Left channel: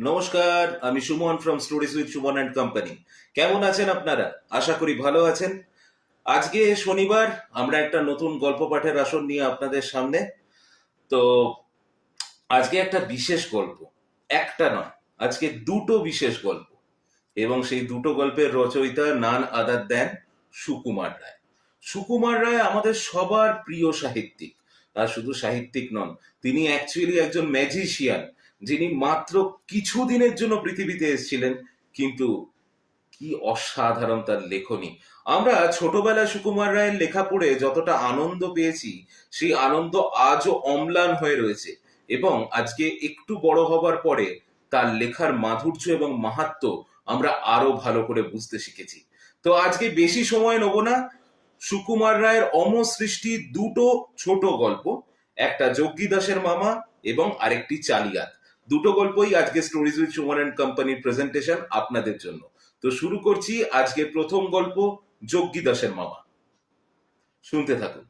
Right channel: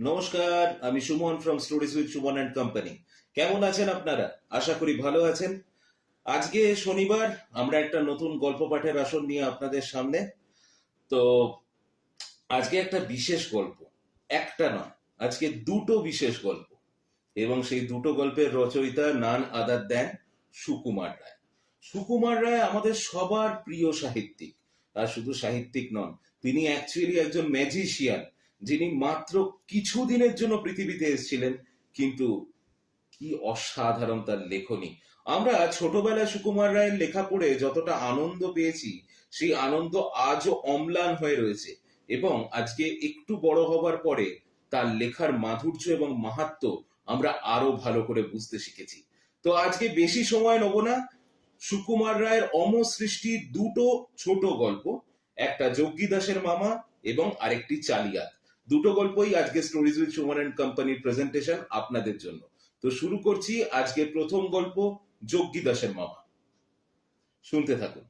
নমস্কার, আমি Suman from stories with Suman and company. কেমন আছেন আপনারা? আশা করি ভালো আছেন। আজকে শনিবার, আমরা একটা নতুন গল্প পাঠের আসর নিয়ে আপনাদের সামনে। তো আজকে একটা বিশেষ গল্প, একটা নয়, আজকে দুটো বিশেষ গল্প। এবং সেই দুটো গল্পের রচয়িতা নান আদার দেন সুকুমার রায়। সুকুমার রায় আমাদের সবার প্রিয় সাহিত্যিক। আর শুধু সাহিত্যিক নন, তিনি অ্যাকচুয়ালি একজন ম্যাজিশিয়ান, যিনি মাত্র কিছু দিনের জন্য পৃথিবীতে এসেছিলেন, কিন্তু কি অসাধারণ তার লেখনী। আমরা ছোটবেলায় সুকুমার রায়ের লেখা পড়ে যতটা আনন্দ পেয়েছি, সেই আনন্দ আজও অম্লান হয়ে রয়েছে। এবং আজকে একটু বড় হবার পরে তার লেখার মাধুর্য এবং মাহাত্ম্য আমরা আরো ভালো করে বুঝতে শিখেছি। তো আজকে বেশি সময় নেব না। সুকুমার রায়ের অমসৃষ্টি দুটো ছোট গল্প, একটা যজ্ঞী দাসের মামা এবং আরেকটি চালিয়াত, দুটো গল্পই আজকে স্টোরিজ উইথ সুমন অ্যান্ড কোম্পানির প্রেজেন্টেশন আপনাদের জন্য। তো শুরু করছি আজকের প্রথম গল্প, যজ্ঞী দাসের মামা। শুনতে থাকুন।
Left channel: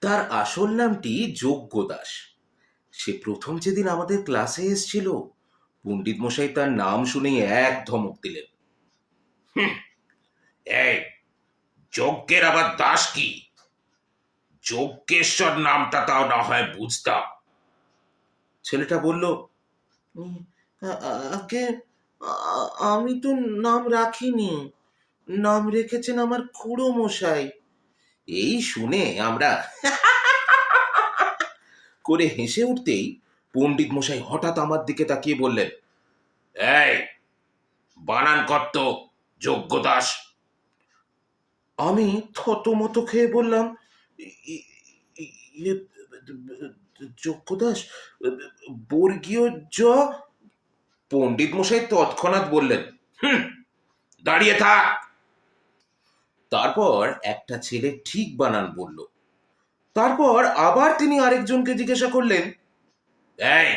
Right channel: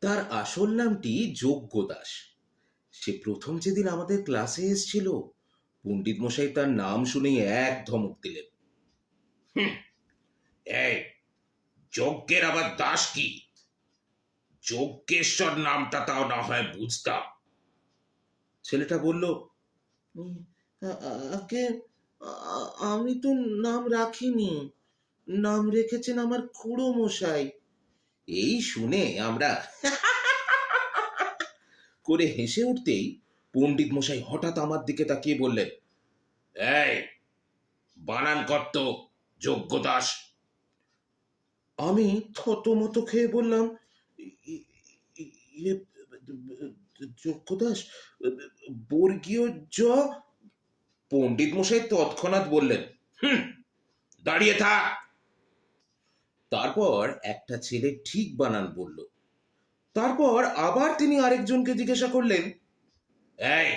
তার আসল নামটি যজ্ঞ দাস। সে প্রথম যেদিন আমাদের ক্লাসে এসেছিল, পণ্ডিত মশাই তার নাম শুনেই এক ধমক দিলেন। এই, যজ্ঞের আবার দাস কি? যজ্ঞেশ্বর নামটা তাও না হয় বুঝতাম। ছেলেটা বলল, "উম, আগে আমি তো নাম রাখিনি, নাম রেখেছেন আমার খুড়ো মশাই।" এই শুনে আমরা করে হেসে উঠতেই পণ্ডিত মশাই হঠাৎ আমার দিকে তাকিয়ে বললেন, এই, বানান কর্ত যজ্ঞ দাস। আমি থতমত খেয়ে বললাম, "ই- ই- ইয়ে, যজ্ঞ দাস, বর্গীয় জ।" পণ্ডিত মশাই তৎক্ষণাৎ বললেন, হুম, দাঁড়িয়ে থাক। তারপর একটা ছেলে ঠিক বানান বলল। তারপর আবার তিনি আরেকজনকে জিজ্ঞাসা করলেন, এই,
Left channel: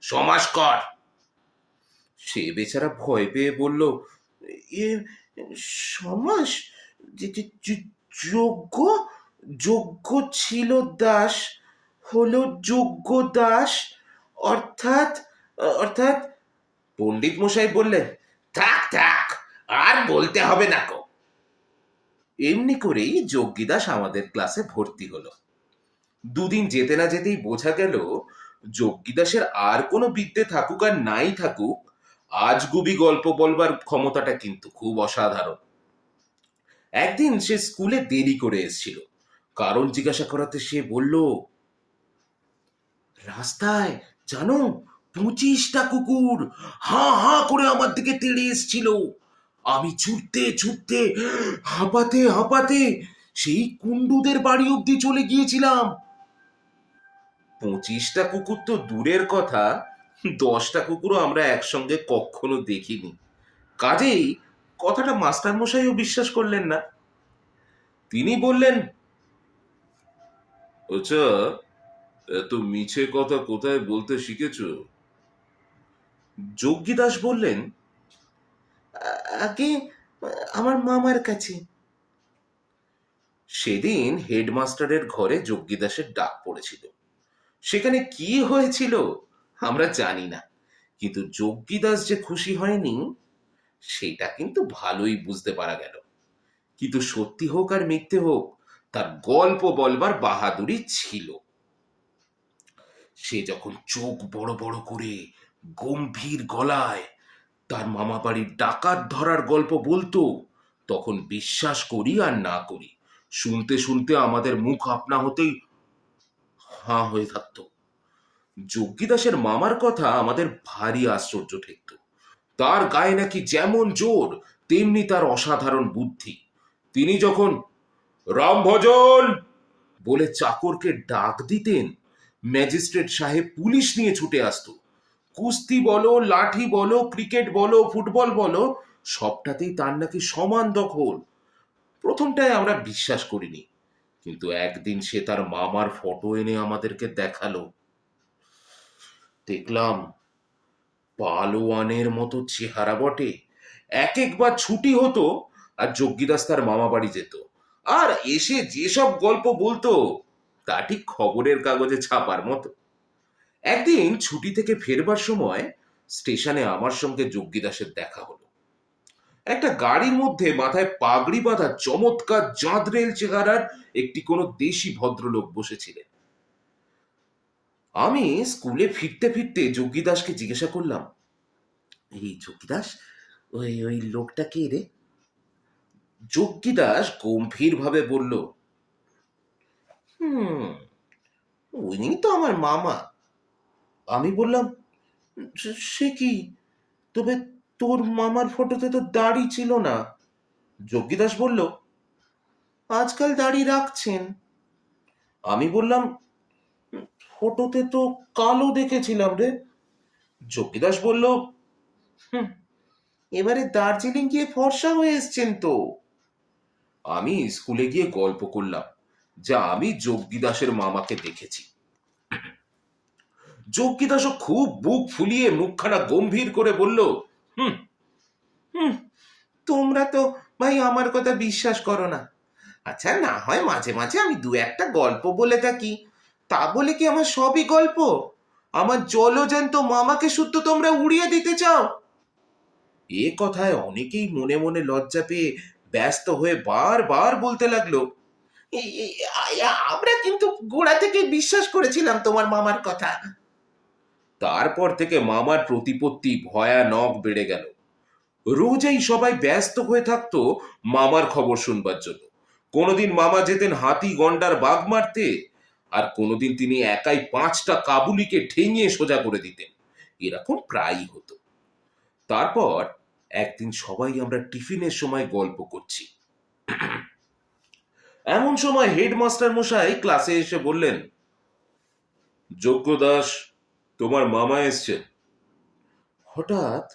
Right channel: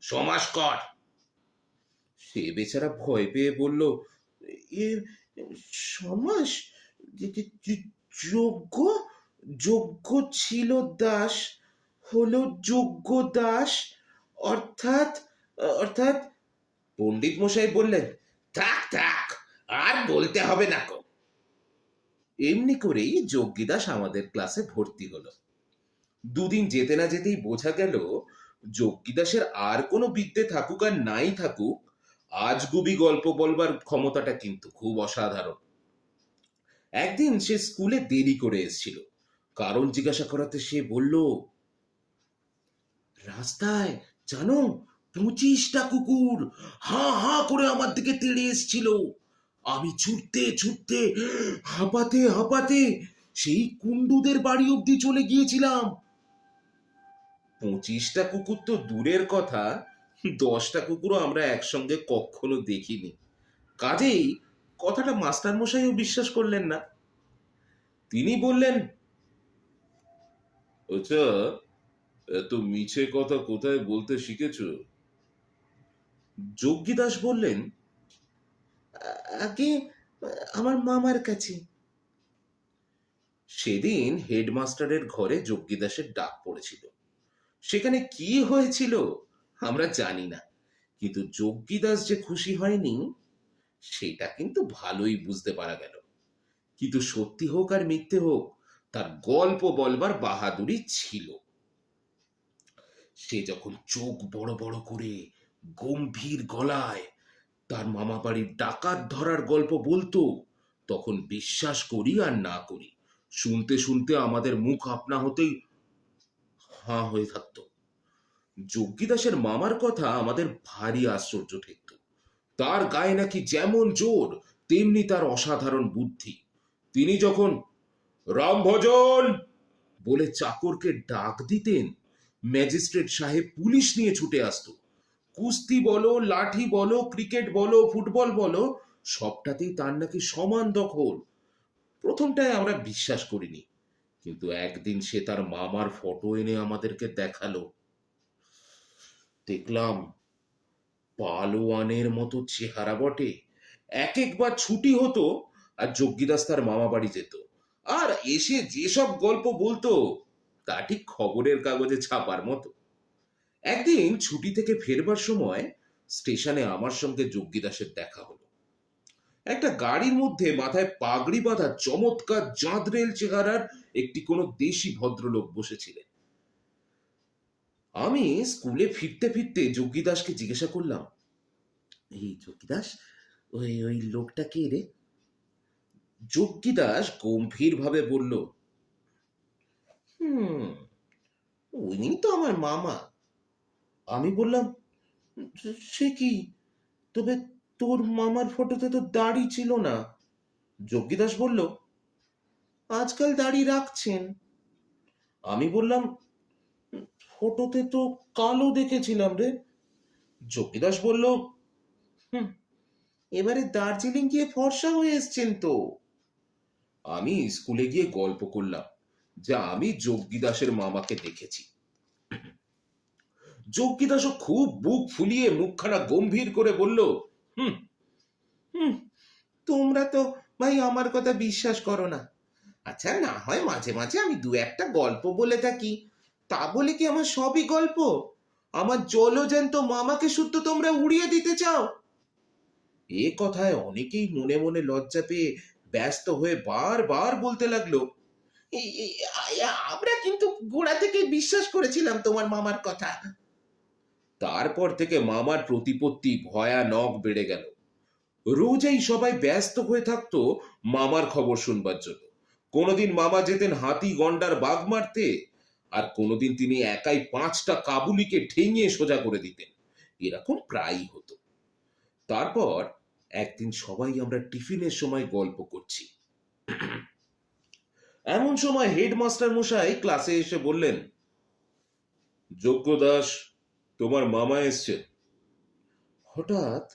সমাস কর। সে বেচারা ভয় পেয়ে বলল, এ সমাস, যোগ্য, যোগ্য ছিল দাস, হলো যোগ্য দাস, অর্থাৎ, অর্থাৎ। পণ্ডিত মশাই বললেন, থাক থাক, আর বলতে হবে না কো। এমনি করেই যজ্ঞিদাস আমাদের ক্লাসে ভর্তি হলো। দুদিন যেতে না যেতেই বোঝা গেল, যজ্ঞিদাসের আর কোনো বিদ্যে থাকুক আর নাই থাকুক, আজগুবি গল্প বলবার ক্ষমতাটা কিন্তু খুব অসাধারণ। একদিন সে স্কুলে দেরি করে এসেছিল। কারণ জিজ্ঞাসা করাতে সে বলল, রাস্তায় জানো 25টা কুকুর হাঁ হাঁ করে আমার দিকে তেড়ে এসেছিল। আমি ছুটতে ছুটতে, হাঁপাতে হাঁপাতে সেই কুণ্ডুদের বাড়ি অব্দি চলে গিয়েছিলাম। 25টা কুকুর তো দূরের কথা, 10টা কুকুরও আমরা একসঙ্গে কখনো দেখিনি। কাজেই কথাটা মাস্টার মশাইও বিশ্বাস করলেন না। তিনি বললেন, আচ্ছা, এত মিছে কথা কোথায় বলতে শিখেছো? যজ্ঞিদাস বললেন, আগে আমার মামার কাছে। সেদিন হেডমাস্টারের ঘরে যজ্ঞিদাসের ডাক পড়েছিল। সেখানে কি হয়েছিল আমরা জানি না, কিন্তু যজ্ঞিদাস যে খুশি হয়নি সেটা কিন্তু ভালোই বুঝতে পারা গেল। কিন্তু সত্যি হোক আর মিথ্যে হোক, তার গল্প বলবার বাহাদুরি ছিল। সে যখন চোখ বড় বড় করে গম্ভীর গলায় তার মামা বাড়ির ডাকাত ধরার গল্প বলতো, তখন বিশ্বাস করি আর না করি, শুনতে শুনতে আমাদের মুখ আপনা হতেই হাঁ হয়ে থাকতো। যজ্ঞিদাসের মামার কথা আমাদের ভারী আশ্চর্য ঠেকত। তার গায়ে নাকি যেমন জোর, তেমনি তার অসাধারণ বুদ্ধি। তিনি যখন রামভজন বলে চাকরকে ডাক দিতেন, ম্যাজিস্ট্রেট সাহেব পুলিশ নিয়ে ছুটে আসতো। কুস্তি বলো, লাঠি বলো, ক্রিকেট বলো, ফুটবল বলো, সবটাতেই তার নাকি সমান দখল। প্রথমটায় আমরা বিশ্বাস করিনি, কিন্তু একদিন সে তার মামার ফটো এনে আমাদেরকে দেখালো। দেখলাম, পালোয়ানের মতো চেহারা বটে। এক একবার ছুটি হতো আর যজ্ঞিদাস তার মামা বাড়ি যেত, আর এসে যেসব গল্প বলতো, তা ঠিক খবরের কাগজে ছাপার মতো। একদিন ছুটি থেকে ফেরবার সময় স্টেশনে আমার সঙ্গে যোগ্যদাসের দেখা হলো। একটা গাড়ির মধ্যে মাথায় পাগড়ি বাঁধা চমৎকার জাঁদরেল চেহারার একটি কোনো দেশি ভদ্রলোক বসেছিলেন। আমি স্কুলে ফিরতে ফিরতে যোগ্যদাসকে জিজ্ঞাসা করলাম, এই যোগ্যদাস, ওই ওই লোকটা কে রে? যোগ্যদাস গম্ভীর ভাবে বলল, হুম, উনি তো আমার মামা। আমি বললাম, সে কি? তবে তোর মামার ফটোতে তো দাড়ি ছিল না। যোগ্যদাস বলল, আজকাল দাড়ি রাখছেন। আমি বললাম, ফটোতে তো কালো দেখেছিলাম রে। যোগীদাস বলল, হুম, এবারে দার্জিলিং গিয়ে ফর্সা হয়ে এসছেন তো। আমি স্কুলে গিয়ে গল্প করলাম যা আমি যোগীদাসের মামাকে দেখেছি। যোগীদাসও খুব বুক ফুলিয়ে মুখখানা গম্ভীর করে বলল, হুম হুম, তোমরা তো ভাই আমার কথা বিশ্বাস করো না। আচ্ছা, না হয় মাঝে মাঝে আমি দু একটা গল্প বলে থাকি, তা বলে কি আমার সবই গল্প? আমার জলজ্যান্ত মামাকে শুদ্ধ তোমরা উড়িয়ে দিতে চাও? এ কথায় অনেকেই মনে মনে লজ্জা পেয়ে ব্যস্ত হয়ে বারবার বলতে লাগলো, আমরা কিন্তু গোড়া থেকে বিশ্বাস করেছিলাম তোমার মামার কথা। তারপর থেকে মামার প্রতিপত্তি ভয়ানক বেড়ে গেল। রোজই সবাই ব্যস্ত হয়ে থাকতো মামার খবর শুনবার জন্য। কোনোদিন মামা যেতেন হাতি গন্ডার বাঘ মারতে, আর কোনোদিন তিনি একাই 5টা কাবুলিকে ঠেঙিয়ে সোজা করে দিতেন। এরকম প্রায়ই হতো। তারপর একদিন সবাই আমরা টিফিনের সময় গল্প করছি। এমন সময় হেডমাস্টার মশাই ক্লাসে এসে বললেন, যোগ্য দাস, তোমার মামা এসছে। হঠাৎ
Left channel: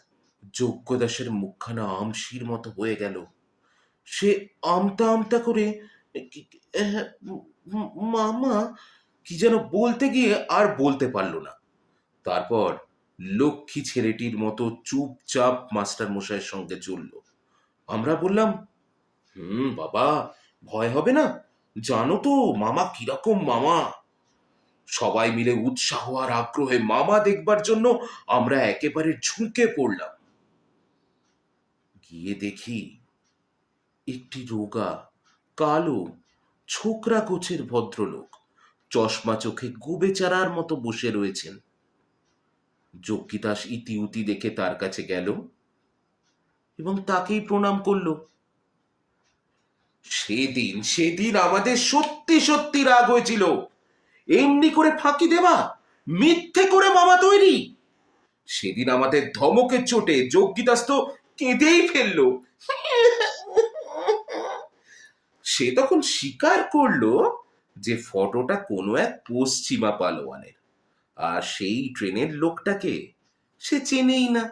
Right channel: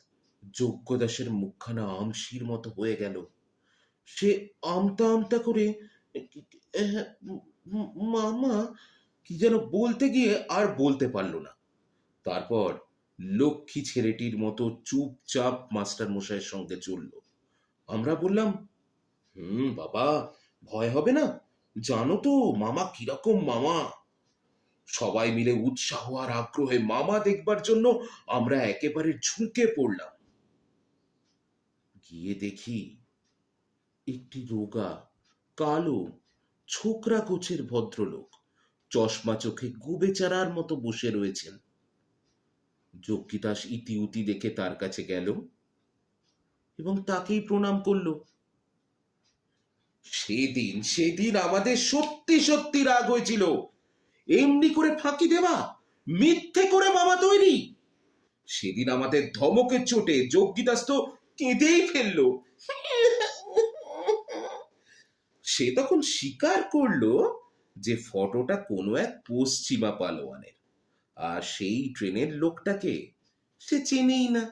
যোগ্য দাসের মুখখানা আমশির মতো হয়ে গেল। সে আমতা আমতা করে, "আহ, মামা" কি যেন বলতে গিয়ে আর বলতে পারল না। তারপর লক্ষ্মী ছেলেটির মতো চুপচাপ মাস্টার মশাইয়ের সঙ্গে চলল। আমরা বললাম, বাবা, ভয় হবে না? জানো তো মামা কিরকম মামা। সবাই মিলে উৎসাহ আর আগ্রহে মামা দেখবার জন্য আমরা একেবারে ঝুঁকে পড়লাম। গিয়ে দেখি একটি রোগা, কালো, ছোকরা গোছের ভদ্রলোক চশমা চোখে গোবেচারার মতো বসে রয়েছেন। যোগীদাস ইতিউতি দেখে তার কাছে গেল এবং তাকেই প্রণাম করলো। সেদিন সেদিন আমাদের সত্যি সত্যি রাগ হয়েছিল। এমনি করে ফাঁকি দেওয়া, মিথ্যে করে মামা তৈরি। সেদিন আমাদের ধমকের চোটে যোগীদাস তো কেঁদেই ফেললো। সে তখন স্বীকার করলো যে ফটোটা কোনো এক পশ্চিমা পালোয়ানের, আর সেই ট্রেনের লোকটাকে সে চেনেই না।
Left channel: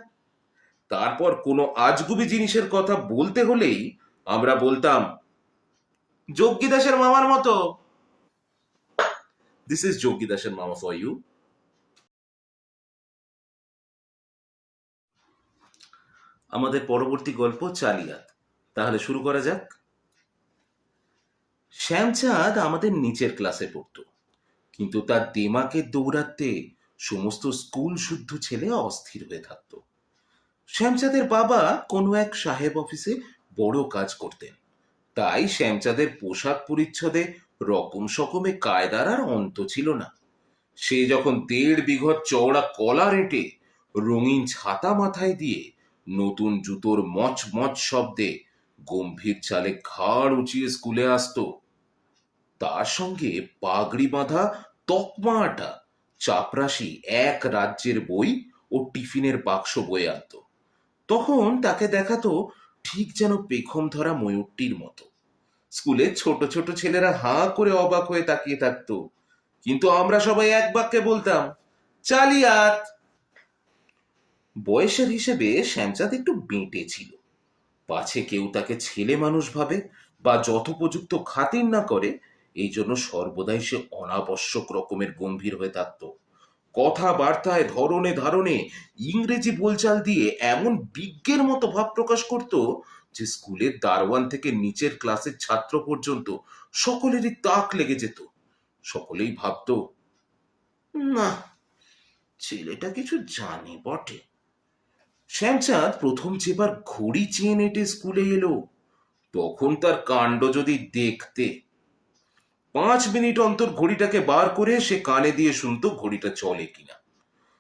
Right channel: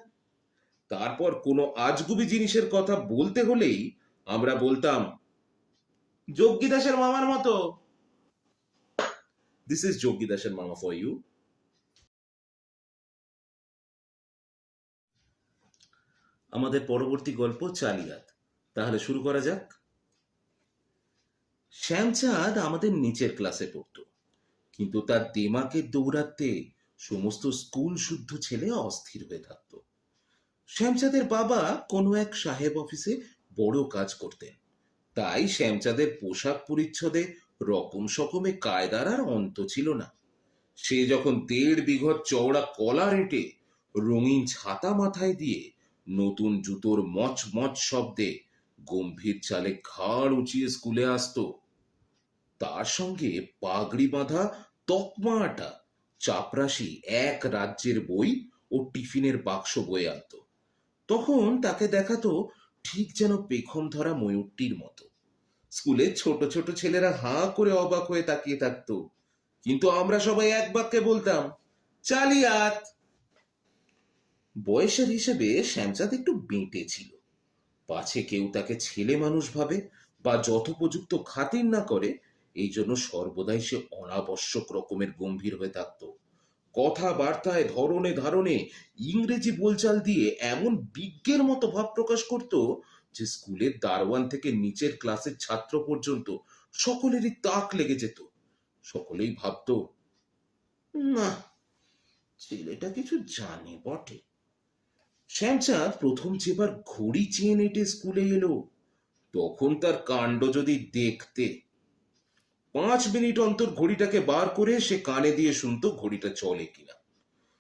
তারপর কোনো আজগুবি জিনিসের কথা বলতে হলেই আমরা বলতাম, যোগীদাসের মামার মতো। দিস ইজ যোগীদাসের মামা ফর ইউ। আমাদের পরবর্তী গল্প চালিয়াত। তাহলে শুরু করা যাক। শ্যামচাঁদ আমাদের নিচের ক্লাসে পড়তো, কিন্তু তার দেমাকের দৌরাত্মে সমস্ত স্কুল শুদ্ধ ছেলে অস্থির হয়ে থাকত। শ্যামচাঁদের বাবা কোনো এক সাহেব অফিসে বড় কাজ করতেন, তাই শ্যামচাঁদের পোশাক পরিচ্ছদে রকম সকমে কায়দার আর অন্ত ছিল না। সে যখন 1.5 বিঘত চওড়া কলার এঁটে রঙিন ছাতা মাথায় দিয়ে নতুন জুতোর মচমচ শব্দে গম্ভীর চালে ঘাড় উঁচিয়ে স্কুলে আসতো, তার সঙ্গে পাগড়ি বাঁধা তকমা আটা চাপরাশি এক রাজ্যের বই ও টিফিনের বাক্স বয়ে আনত, তখন তাকে দেখাতো ঠিক যেন পেখম ধরা ময়ূরটির মতো। স্কুলে ছোট ছোট ছেলেরা হাঁ করে অবাক হয়ে তাকিয়ে থাকতো, কিন্তু আমরা সবাই এক বাক্যে বলতাম, চালিয়াত। বয়সের হিসেবে শ্যামচাঁদ একটু বেঁটে ছিল। পাছে কেউ তাকে ছেলে মানুষ ভাবে বা যথোপযুক্ত খাতির না করে, এই জন্য সর্বদাই সে অনাবশ্যক রকমের গম্ভীর হয়ে থাকত। কথাবার্তায় ধরনে ধারণে ইংরেজি বোলচাল দিয়ে এমন বিজ্ঞের মতো ভাব প্রকাশ করত যে স্কুলের দারোয়ান থেকে নিচের ক্লাসের ছাত্র পর্যন্ত সকলেরই তাক লেগে যেত। সকলেই ভাবতো, না, ছেলেটা কিছু জানে বটে। শ্যামচাঁদ প্রথম যেবার ঘড়ি চেয়ে নেটে স্কুলে এলো, তখন তার কাণ্ড যদি দেখতে! 5 মিনিট অন্তর ঘড়িটাকে বার করে সে কানে দিয়ে শুনতো ঘড়িটা চলে কিনা।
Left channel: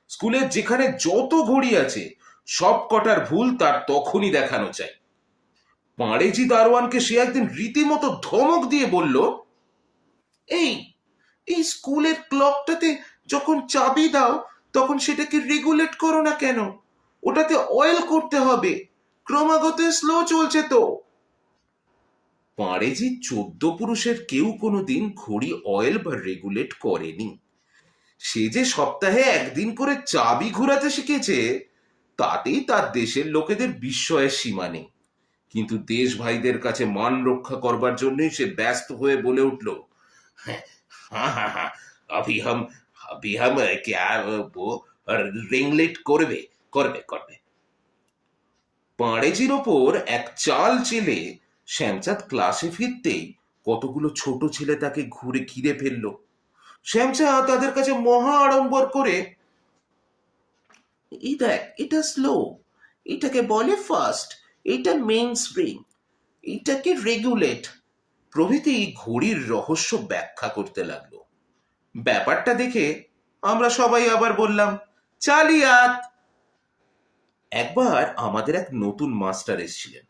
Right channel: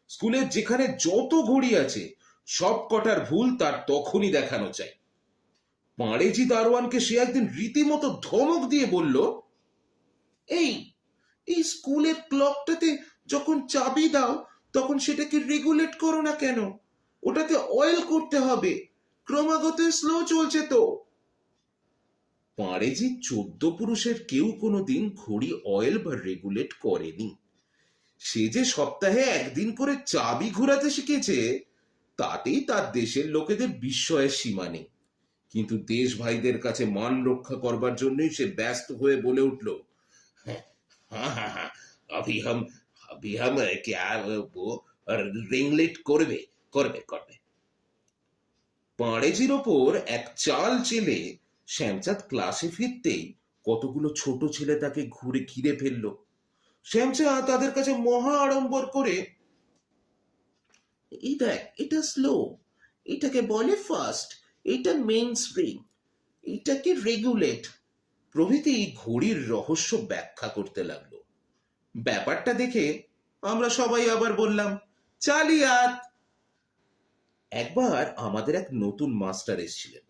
স্কুলের যেখানে যত ঘড়ি আছে সব কটার ভুল তার তখনই দেখানো চাই। পাঁড়েজি দারোয়ানকে সে একদিন রীতিমতো ধমক দিয়ে বলল, এই এই স্কুলের ক্লকটাতে যখন চাবি দাও তখন সেটাকে রেগুলেট করো না কেন? ওটাতে অয়েল করতে হবে, ক্রমাগত স্লো চলছে তো। পাঁড়েজি 14 পুরুষের কেউ কোনোদিন ঘড়ি অয়েল বা রেগুলেট করেনি। সে যে সপ্তাহে একদিন করে চাবি ঘুরাতে শিখেছে, তাতেই তার দেশের লোকেদের বিস্ময়ের সীমা নেই। কিন্তু দেশ ভাইদের কাছে মান রক্ষা করবার জন্যই সে ব্যস্ত হয়ে বলে উঠল, হ্যাঁ হ্যাঁ হ্যাঁ, अभी हम क्या वो রেগুলেট করবে করবে করবে। পাঁড়েজির ওপর এক চাল চেলে শ্যামচাঁদ ক্লাসে ফিরতেই কতগুলো ছোট ছেলে তাকে ঘিরে ফেললো। শ্যামচাঁদ তাদের কাছে মহা আড়ম্বর করে, এই দেখ, এটা স্লো, এটাকে বলে ফাস্ট, এটা মেইন স্প্রিং, এটাকে রেগুলেট প্রভৃতি ঘড়ির রহস্য ব্যাখ্যা করতে লাগলো। ব্যাপারটা দেখে আমরা সবাই আবার বললাম, চালিয়াত। একবার আমাদের এক নতুন মাস্টার এসেছিলেন।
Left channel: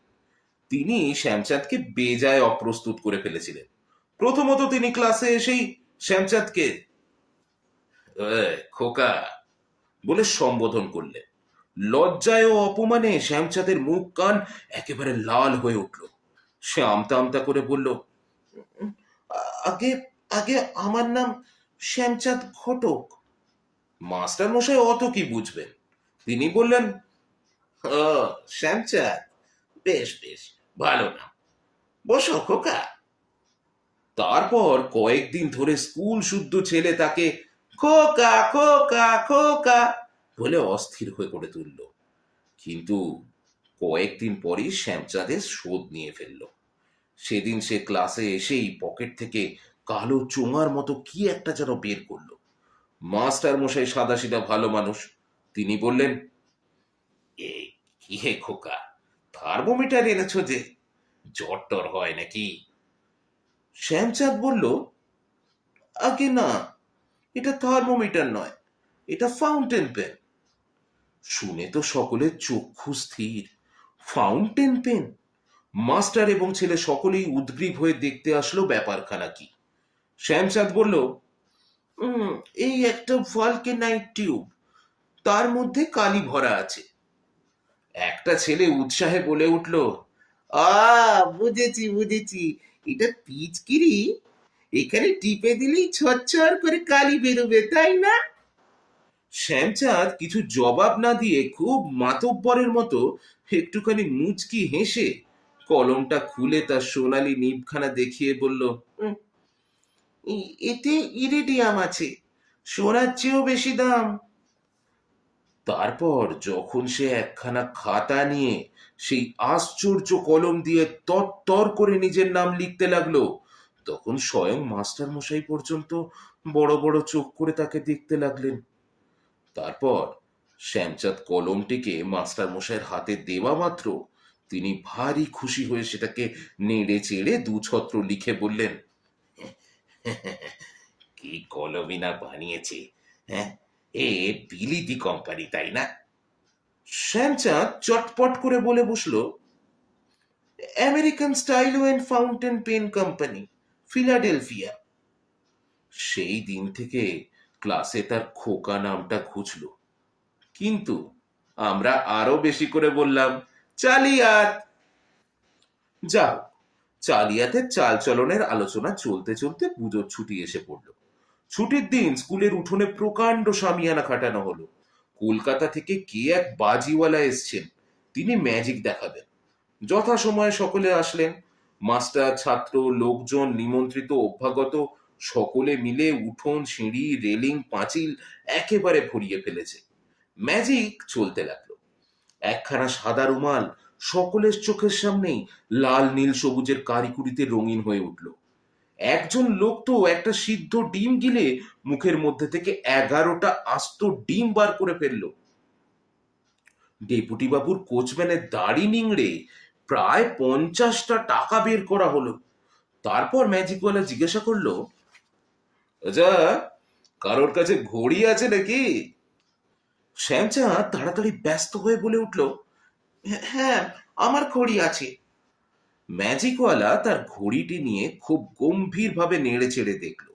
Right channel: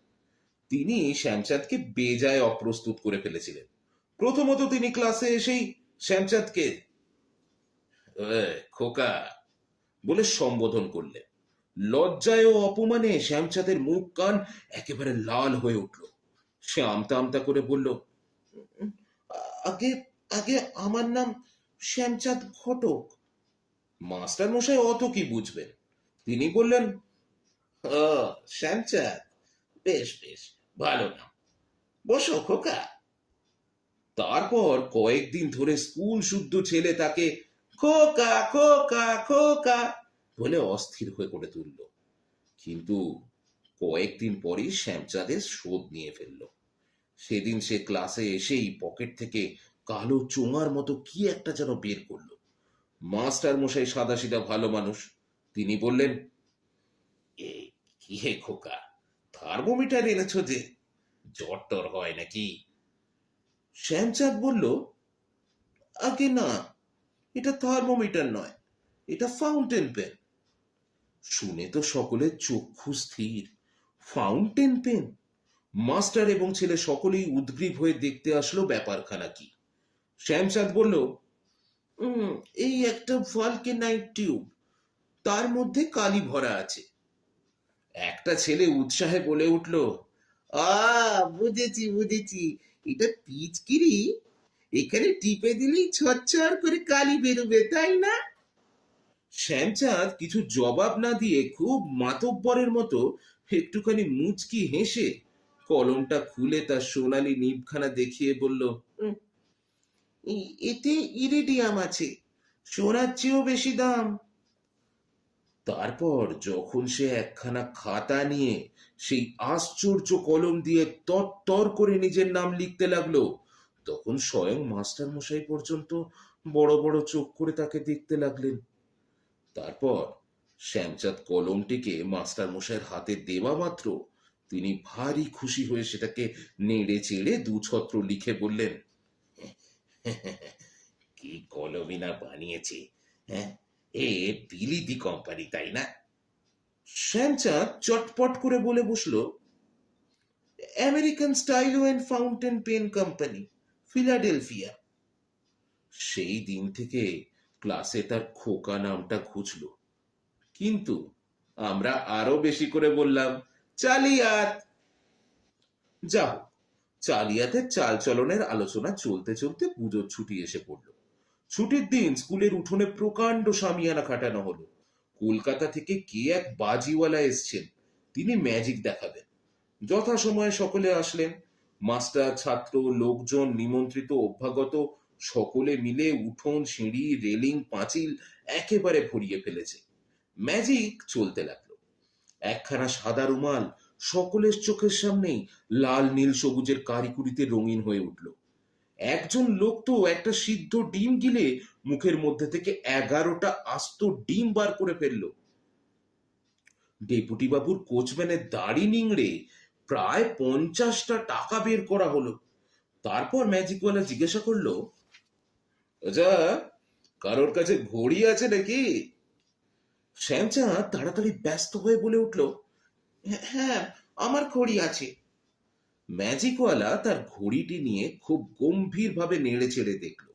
তিনি শ্যামচাঁদকে বেজায় অপ্রস্তুত করে ফেলেছিলেন। প্রথমত তিনি ক্লাসে এসেই শ্যামচাঁদকে খোকা বলে সম্বোধন করলেন। লজ্জায় ও অপমানে শ্যামচাঁদের মুখ কান একেবারে লাল হয়ে উঠল। সে আমতা আমতা করে বলল, আগে আগে আমার নাম শ্যামচাঁদ ঘটক। মাস্টার মশাই অত কি বুঝবেন, তিনি বললেন, ও শ্যামচাঁদ, বেশ বেশ, ভালো নাম, বসো খোকা। তারপর কয়েকদিন ধরে স্কুল শুদ্ধ ছেলে তাকে খোকা খোকা খোকা বলে অস্থির হয়ে করে তুলল। কিন্তু কয়েকদিন পরই শ্যামচাঁদের শোধ নিয়ে ফেলল। সেদিন সে ক্লাসে এসেই পকেট থেকে কালো চোঙার মতো কি একটা যেন বের করলো। মাস্টার মশাই সাদাসিধা ভালো মানুষ, তিনি বললেন, এ কি হে খোকা, থার্মোমিটার এনেছো যে, জ্বর টর হয় নাকি? শ্যামচাঁদ বলল, আগে না, এটা থার্মোমিটার নয়, এটা ফাউন্টেন পেন। শুনে তো সকলের চক্ষু স্থির। Fountain pen! মাস্টার এবং ছেলে সকলেই উদ্গ্রীব হয়ে দেখতে আসলো ব্যাপারখানা কি। শ্যামচাঁদ বলল, এই একটা ভলকেনাইট টিউব, তার মধ্যে কালি ভরা আছে। একটা ছেলে উৎসাহে বলে উঠল, বুঝেছি বুঝেছি, এটা পিচকিরি, এখানে টিপে দিলেই ছচ্ছর করে কালি বেরোবে, তাই না? শ্যামচাঁদ কিছু জবাব না দিয়ে খুব মাতব্বরের মতো একটুখানি মুচকি হেসে কলমটা খুলে তার সোনালি নিবখানা দেখিয়ে বলল, এতে ইরিডিয়াম আছে, সোনার চেয়েও বেশি দাম। তারপর যখন সে একখানা খাতা নিয়ে সেই আশ্চর্য কলম দিয়ে তরতর করে নিজের নাম লিখতে লাগলো, তখন স্বয়ং মাস্টার মশাই পর্যন্ত বড় বড় চোখ করে তাকে দেখতে লাগলেন। তারপর শ্যামচাঁদ কলমটিকে মাস্টার মশাইয়ের হাতে দেওয়া মাত্র তিনি ভারী খুশি হয়ে সেটাকে নেড়ে চেড়ে 2 ছত্র লিখে বললেন, কি কলমই না বানিয়েছে, হ্যাঁ, এ বিলিতি কোম্পানি, তাই না? শ্যামচাঁদ চটপট করে বলে বসলো, American stylo and fountain pen company, Philadelphia. সেই দিন থেকে ক্লাসে তার খোকা নামটা ঘুচলো। কিন্তু আমরা আরো বেশি করে বললাম, চালিয়াত। যাও, চালিয়াতের চালচলনের আলোচনা চলতে চলতে পুজোর ছুটি এসে পড়ল। ছুটির দিন স্কুলের উঠোনে প্রকাণ্ড শামিয়ানা খাটানো হলো। কলকাতা থেকে কে এক বাজিওয়ালা এসছেন, তিনি ম্যাজিক দেখাবেন। যথাসময়ে সকলে আসলেন। মাস্টার, ছাত্র, লোকজন, নিমন্ত্রিত, অভ্যাগত সকলে মিলে উঠোন, সিঁড়ি, রেলিং, পাঁচিল একেবারে ভরিয়ে ফেলেছে। ম্যাজিক চলতে লাগলো। একখানা সাদা রুমাল সকলের চোখের সামনেই লাল নীল সবুজের কারিকুরিতে রঙিন হয়ে উঠল। একজন লোক তো একটা সিদ্ধ ডিম গিলে মুখের মধ্যে থেকে 11টা আস্ত ডিম বার করে ফেললো। ডেপুটি বাবুর কোচম্যানের দাড়ি নিংড়ে প্রায় 50টা টাকা বের করা হলো। তারপর ম্যাজিকওয়ালা জিজ্ঞাসা করলো, আচ্ছা, কারোর কাছে ঘড়ি আছে নাকি? শ্যামচাঁদ তাড়াতাড়ি ব্যস্ত হয়ে বলে উঠল, হ্যাঁ, আমার ঘড়ি আছে। ম্যাজিকওয়ালা তার ঘড়িটি নিয়ে খুব গম্ভীরভাবে নেড়ে চেড়ে দেখল।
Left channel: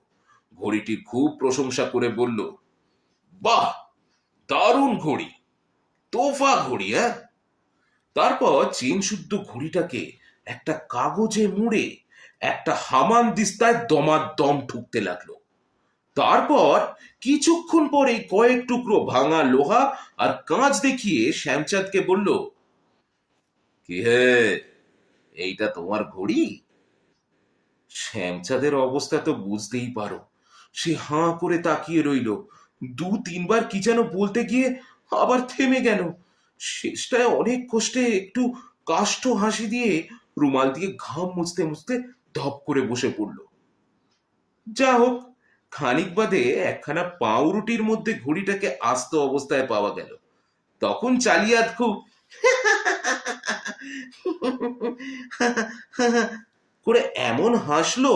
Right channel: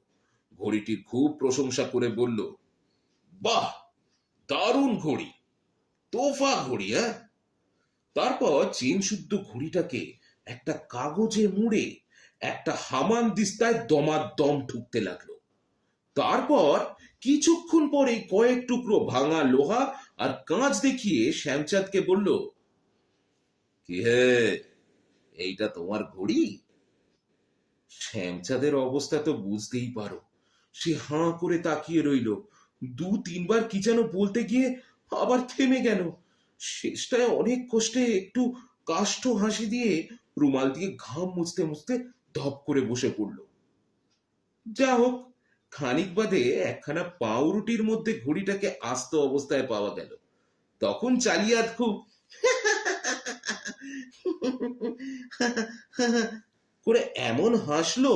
ঘড়িটি খুব প্রশংসা করে বলল, বাহ, দারুণ ঘড়ি, তোফা ঘড়ি। হ্যাঁ। তারপর চেন শুদ্ধ ঘড়িটাকে একটা কাগজে মুড়ে একটা হামান দিস্তায় দমাদম ঠুকতে লাগলো। তারপর কিছুক্ষণ পরে কয়েক টুকরো ভাঙা লোহা আর কাঁচ দেখিয়ে শ্যামচাঁদকে বলল, কি হে, এইটা তোমার ঘড়ি? শ্যামচাঁদের অবস্থা তো বুঝতেই পারো। সে হাঁ করে তাকিয়ে রইল। দু তিনবার কি যেন বলতে গিয়ে আবার থেমে গেল। শেষটায় অনেক কষ্টে একটু কাষ্ঠ হাসি দিয়ে রুমাল দিয়ে ঘাম মুছতে মুছতে ধপ করে বসে পড়ল। যা হোক, খানিক বাদে একখানা পাউরুটির মধ্যে ঘড়িটাকে আস্ত অবস্থায় পাওয়া গেল। তখন চালিয়াত খুব করে এমন হাসলো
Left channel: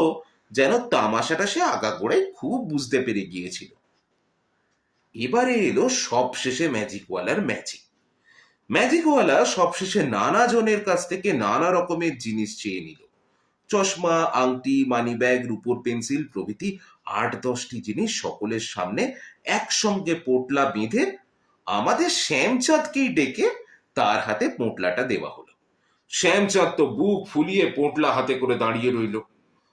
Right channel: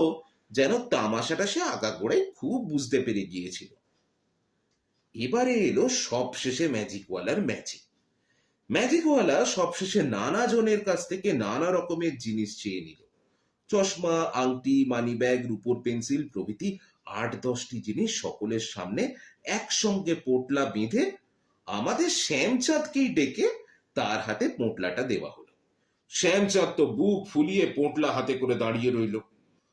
যেন তামাশাটা সে আগাগোড়াই খুব বুঝতে পেরে গিয়েছিল। এবারে এলো সবশেষে ম্যাজিকওয়ালার ম্যাজিক। ম্যাজিকওয়ালা সবশেষে নানা জনের কাছ থেকে নানা রকমের জিনিস চেয়ে নিল। চশমা, আংটি, মানিব্যাগ, রূপোর পেন্সিল প্রভৃতি 8-10টি জিনিস সকলের সামনে একসঙ্গে পোটলা বেঁধে আমাদের শ্যামচাঁদকেই ডেকে তার হাতে পোটলাটা দেওয়া হলো। শ্যামচাঁদ তো বুক ফুলিয়ে পোটলা হাতে করে দাঁড়িয়ে রইল,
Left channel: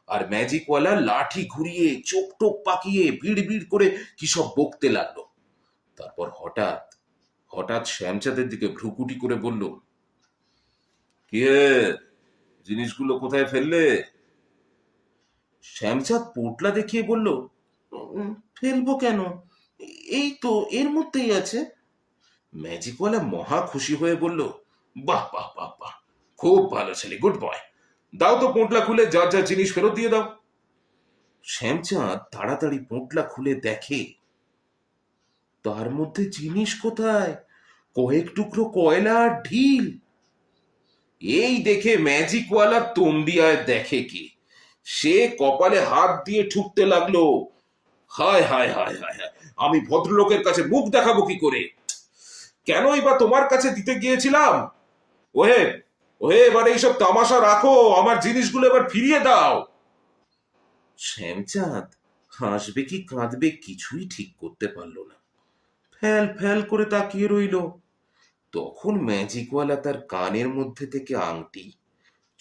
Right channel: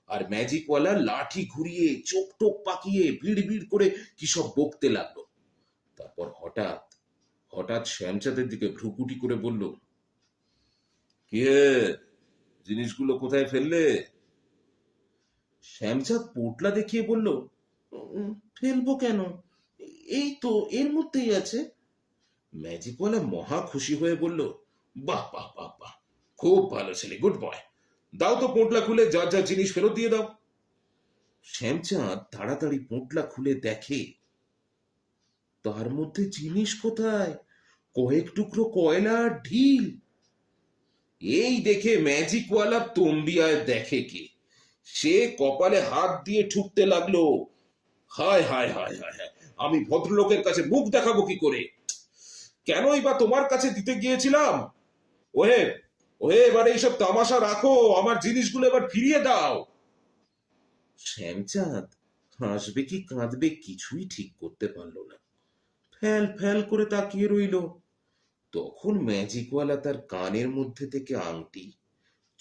আর ম্যাজিকওয়ালা লাঠি ঘুরিয়ে চোখ টোক পাকিয়ে ভিড় ভিড় করে কি সব বকতে লাগলো। তারপর হঠাৎ হঠাৎ শ্যামচাঁদের দিকে ভ্রুকুটি করে বলল, কি হে, জিনিসগুলো কোথায় ফেললে? শ্যামচাঁদ পোটলা দেখিয়ে বলল, ফেলবো কেন, এই তো এর মধ্যেই আছে। ম্যাজিকওয়ালা মহা খুশি হয়ে বলল, বাহ বাহ বাহ বাহ, খুব ভালো ছেলে, গুড বয়। দাও তো পোটলা খুলে যার যার জিনিস ফেরত দিয়ে দাও। শ্যামচাঁদ তাড়াতাড়ি পোটলা খুলে দেখে, তার মধ্যে জিনিস কোথায়, কয়েক টুকরো কয়লা আর ঢিল। এই দেখে ম্যাজিকওয়ালা তন্দিয়ায় দেখে কি, সে কপালে হাত দিয়ে ঠুকতে লাগলো, হায় হায় হায় হায় হায়, আমি ভদ্রলোকের কাছে মুখ দেখাবো কি করে? কেনই বা তোমার কাছে দিতে গিয়েছিলাম? ওহে, ওহে, এবার এইসব তামাশা রাখো, আমার জিনিসগুলো এবার ফিরিয়ে দাও। শ্যামচাঁদ হাসবে কি কাঁদবে কিছুই ঠিক করতে পারল না। ফ্যাল ফ্যাল করে তাকিয়ে রইল। তখন ম্যাজিকওয়ালা তার কানের মধ্যে থেকে আংটি,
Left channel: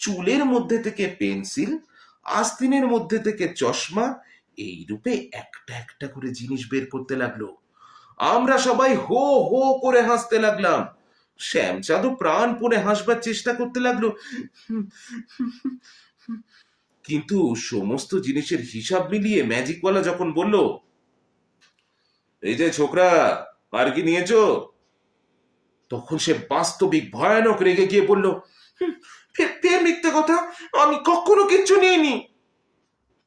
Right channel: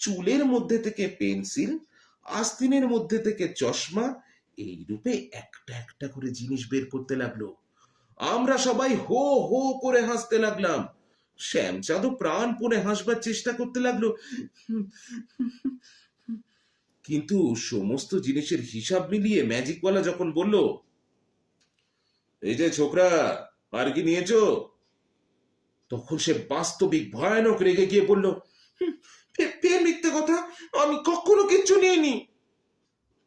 চুলের মধ্যে থেকে পেন্সিল, আস্তিনের মধ্যে থেকে চশমা, এই রূপে একটা একটা করে জিনিস বের করতে লাগলো। আমরা সবাই হো হো করে হাসতে লাগলাম। শ্যামচাঁদও প্রাণপণে হাসবার চেষ্টা করতে লাগলো, কিন্তু সমস্ত জিনিসের হিসাব মিলিয়ে ম্যাজিকওয়ালা যখন বলল, এই যে ছোকরা, আর কি নিয়েছো? তখন সে বাস্তবিক ভয়ানক রেগে গিয়ে বলল, ফের মিথ্যে কথা, আমি কখনো কিচ্ছু নিইনি।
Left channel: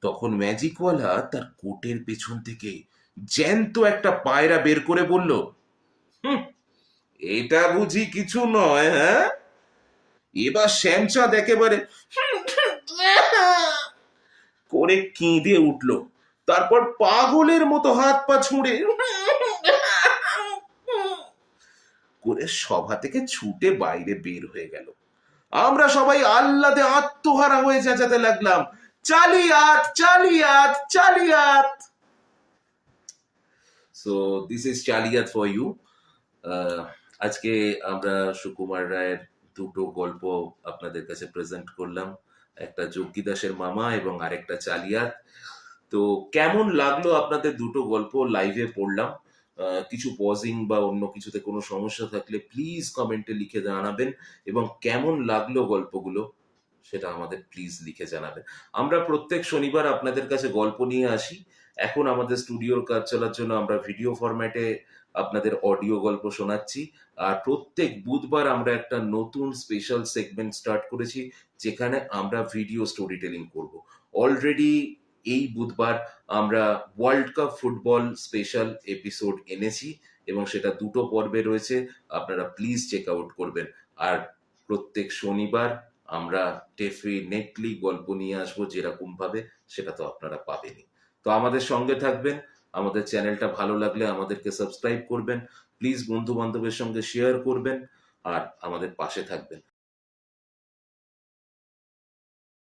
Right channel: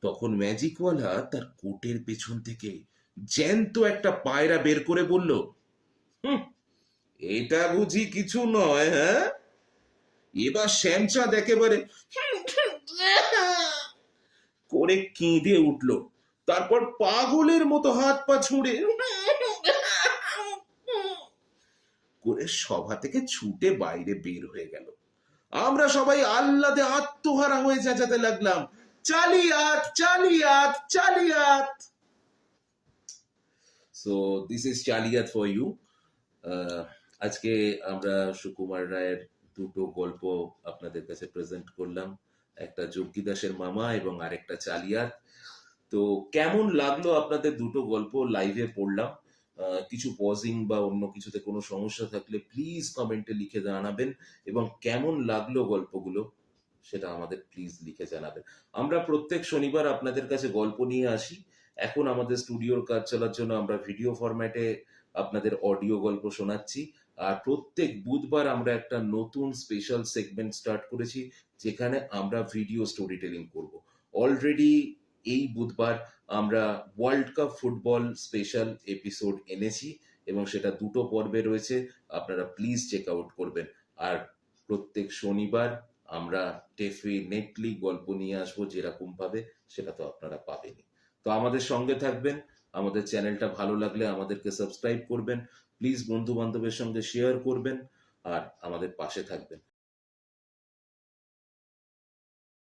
তখন ম্যাজিকওয়ালা তার কোটের পেছন থেকে জ্যান্ত একটা পায়রা বের করে বলল, এটা বুঝি কিছু নয়? হ্যাঁ। এবার শ্যামচাঁদ একেবারে করে কেঁদে উঠল। তারপর পাগলের মতো হাত পা ছুঁড়ে করে সভা থেকে ছুটে বাইরে বের হয়ে গেল। আমরা সবাই আহ্লাদে আত্মহারা হয়ে চেঁচাতে লাগলাম, চালিয়াত চালিয়াত চালিয়াত। সো দিস ইজ চালিয়াত ফর ইউ। আজকে আমরা সুকুমার রায়ের দুটো গল্প আপনাদের কাছে প্রেজেন্ট করলাম, একটা যোগী দাসের মামা এবং আরেকটা চালিয়াত। তো কেমন লাগলো আপনাদের দুটো গল্প লাইভে পড়লাম? কিছু পজিং বা অন্য কিছুতে কোনো সমস্যা থাকলে প্লিজ কমেন্টে লিখে জানাবেন, এবং কেমন লাগলো গল্পগুলো সেটা আমাদের প্লিজ লিখে জানাবেন। আমরা প্রত্যেক শনিবার আপনাদের কাছে গল্প নিয়ে আসি। এখন আমাদের স্টুডিওর কাজ চলার জন্য আমরা ভিডিও ফরম্যাটে আপনাদের অডিও গল্প শোনাচ্ছি। আর প্রত্যেক বুধবার আমরা একটা নতুন স্পেশাল সেগমেন্ট স্টার্ট করেছি, যেখানে আমরা ভিডিও স্টোরি টেলিং করব। অলরেডি এই বুধবার আমরা world cup football special episode এনেছি এবং সেটা দুটো পর্বে রয়েছে, আপনারা প্লিজ চেক আউট করবেন। আর প্রত্যেক শনিবার আমরা ডেফিনেটলি গল্প নিয়ে আসবো যেরকম ভাবে, সেটা তো আপনারা পাবেনই। তো আমাদের সঙ্গে থাকবেন, আমাদের চ্যানেলটা ভালো লাগলে আমাদেরকে সাবস্ক্রাইব করবেন, প্লিজ বন্ধু বান্ধবের সঙ্গে শেয়ার করবেন আর আমাদের পাশে থাকবেন।